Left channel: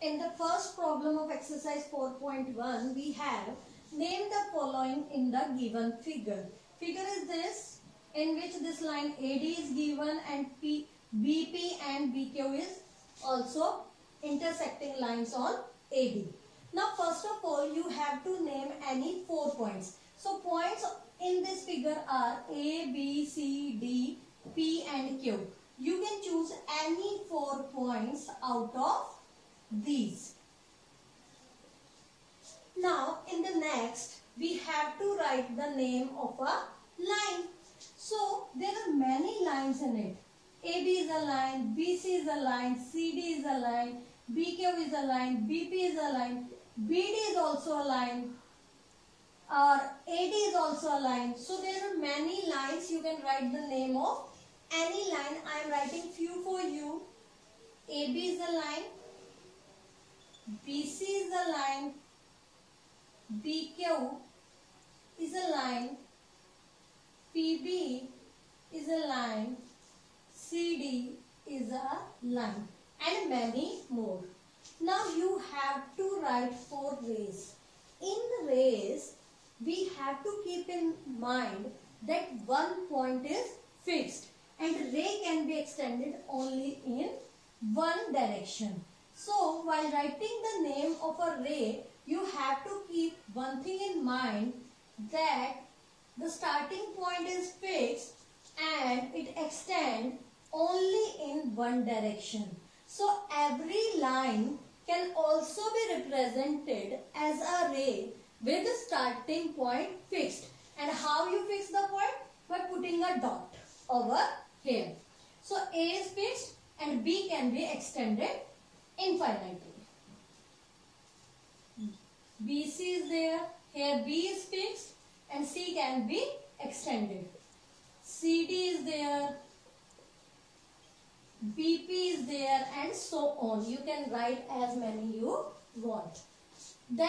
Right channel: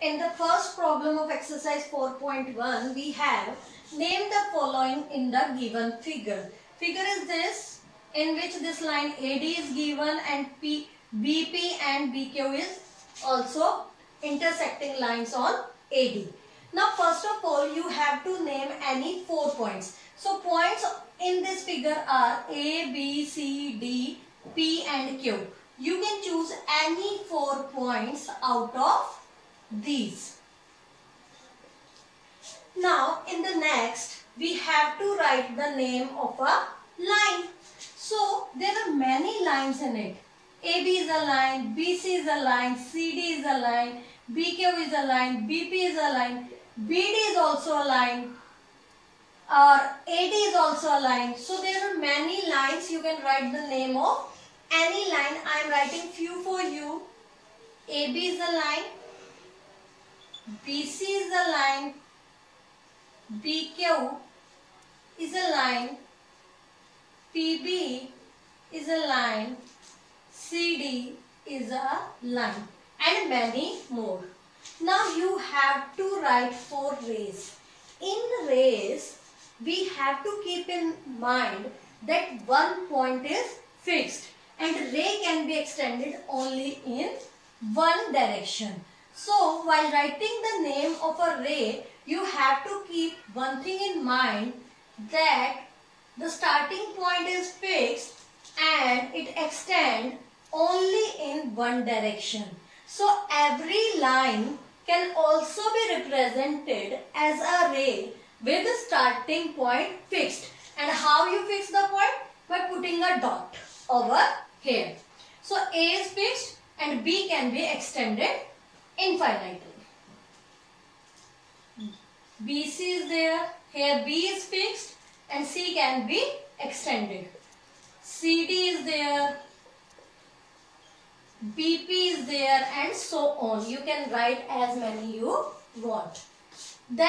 In the first problem of exercise 4.1, we have name the following in the given figure. Figure is this, in which this line AD is given and BP and BQ is also intersecting lines on AD. Now first of all, you have to name any 4 points. So points in this figure are A, B, C, D, P and Q. You can choose any 4 points out of these. Now in the next, we have to write the name of a line. So there are many lines in it. AB is a line, BC is a line, CD is a line, BQ is a line, BP is a line, BD is also a line, or AD is also a line. So there are many lines. You can write the name of any line. I am writing few for you. AB is a line, BC is a line, BQ is a line, PB is a line, CD is a line, and many more. Now you have to write 4 rays. In rays, we have to keep in mind that one point is fixed and ray can be extended only in one direction. So while writing the name of a ray, you have to keep one thing in mind, that the starting point is fixed and it extends only in one direction. So every line can also be represented as a ray with the starting point fixed. And how you fix the point? By putting a dot over here. So A is fixed and B can be extended infinitely. BC is there, here B is fixed and C can be extended. CD is there, BP is there, and so on. You can write as many you want. Then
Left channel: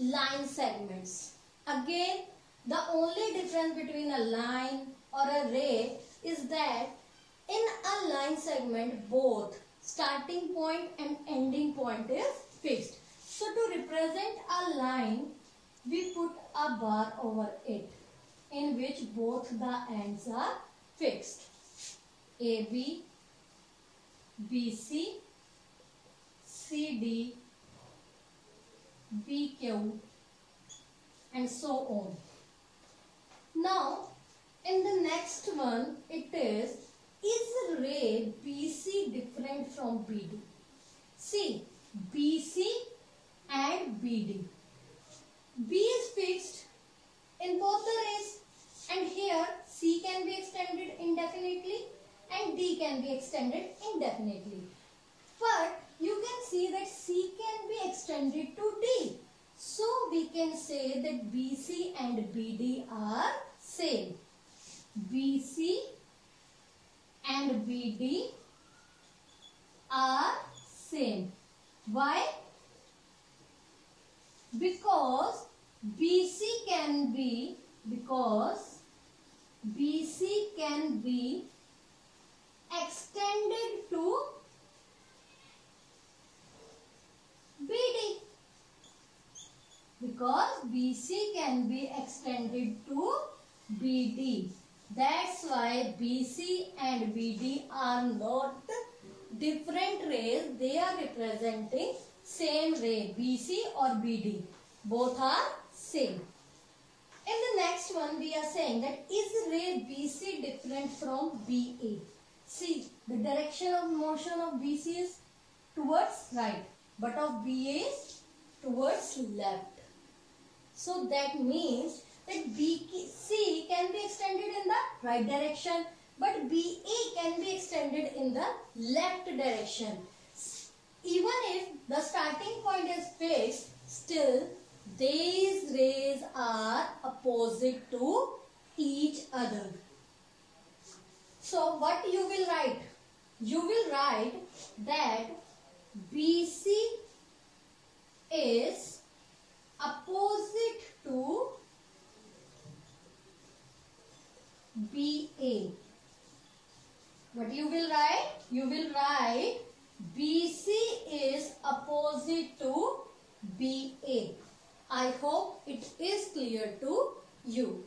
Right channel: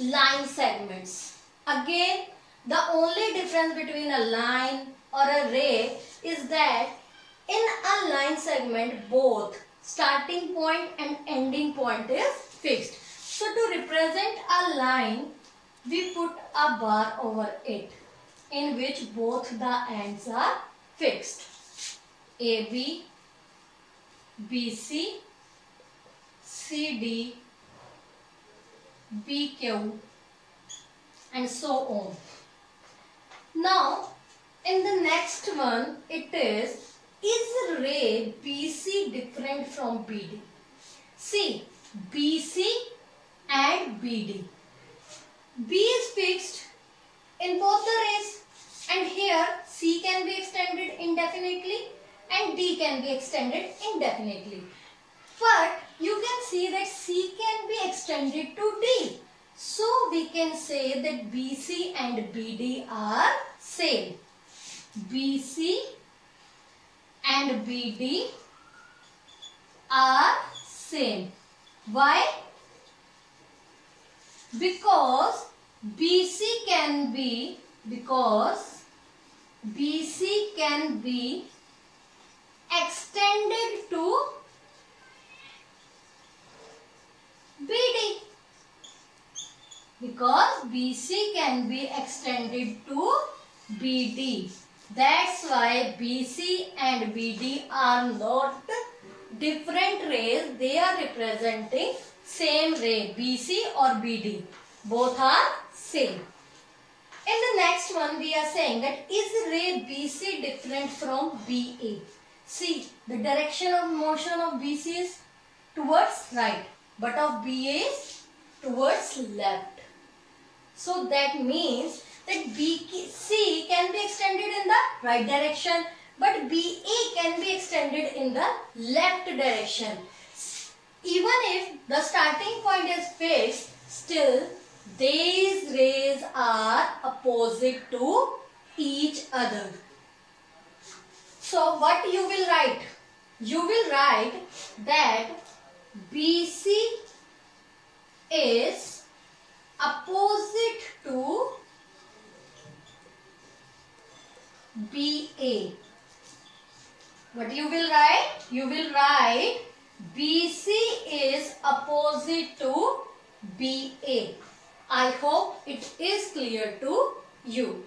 line segments. Again, the only difference between a line or a ray is that in a line segment, both starting point and ending point is fixed. So to represent a line, we put a bar over it, in which both the ends are fixed. AB, BC, CD, BQ, and so on. Now, in the next one, it is ray BC different from BD? See, BC and BD. B is fixed in both the rays, and here C can be extended indefinitely and D can be extended indefinitely. But you can see that C can be extended to D. So we can say that BC and BD are same. BC and BD are same. Why? Because BC can be extended to BD. Because BC can be extended to BD. That's why BC and BD are not different rays. They are representing same ray, BC or BD. Both are same. In the next one, we are saying that is ray BC different from BA? See, the direction of motion of BC is towards right, but of BA is towards left. So that means that BC can be extended in the right direction, but BA can be extended in the left direction. Even if the starting point is fixed, still these rays are opposite to each other. So what you will write? You will write that BC is opposite to BA. What you will write? You will write BC is opposite to BA. I hope it is clear to you.